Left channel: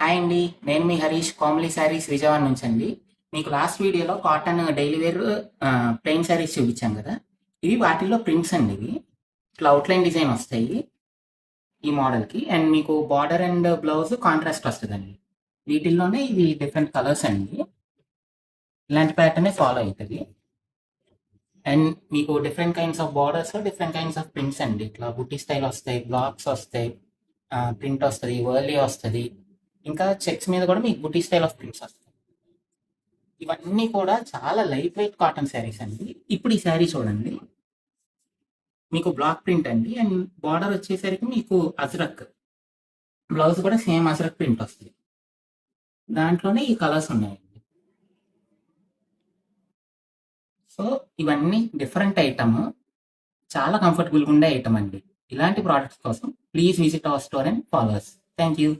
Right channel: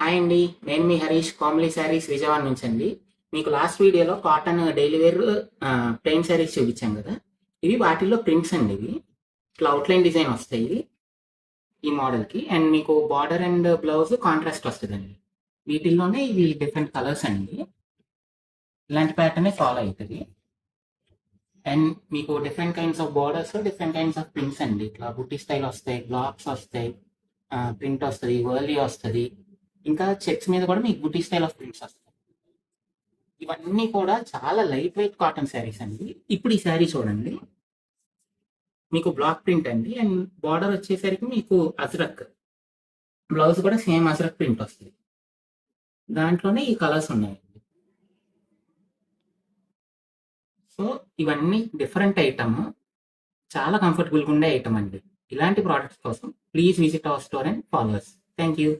Hi అండి, నేను మీ హరీష్ కోమలి శారీస్ విజయవాడ నుంచి అండి. మీకు లాస్ట్ వీడియోలో cotton daily wear plain saris చూపించాం కదా. ఇవి వాటిల్లో ప్రింట్స్ అండి. ఇవి ఇట్లా అవుట్లైన్ డిజైన్ వస్తాయి ఈ మోడల్కి. అండ్ మీకు బార్డర్ అండ్ బ్లౌజ్ కాంట్రాస్ట్ వస్తుందండి. వీటిల్లోనే ఇవి డిఫరెంట్ కలర్స్ అండి. ఇలాంటి ప్యాటర్నే ఫాలో అవుతుంది. అండ్ మీకు different kinds of borders, different kinds of prints అండి. ఇట్లా బుట్టి స్టైల్ వస్తాయి, బ్లాక్స్ వస్తాయి, ప్రింట్ వస్తుంది, వర్లీ వస్తుంది. ఇంకా చెక్స్ మీద కూడా మీకు బుటీ స్టైల్ ఆఫ్ ప్రింట్స్ వస్తాయి. ఇవన్నీ కూడా చాలా లైట్ వెయిట్ కాటన్ శారీస్ అండి. ఇప్పుడు ఈ శారీ చూడండి, మీకు బ్లాక్ ప్రింట్ అండి. అండ్ బార్డర్ వచ్చేసరికి మీకు అజ్రక్, బ్లౌజ్ కూడా సేమ్ అజ్రక్ ప్రింట్ వస్తుంది. దాంట్లోనే ఈ కలర్స్ ఉన్నాయండి. సో ఇవన్నీ డిఫరెంట్ ఐటమ్, చాలా కంఫర్టబుల్గా ఉండే ఐటమ్ అండి. ఇలాంటి ప్రోడక్ట్స్ కోసం please visit our store and followers. Thank you.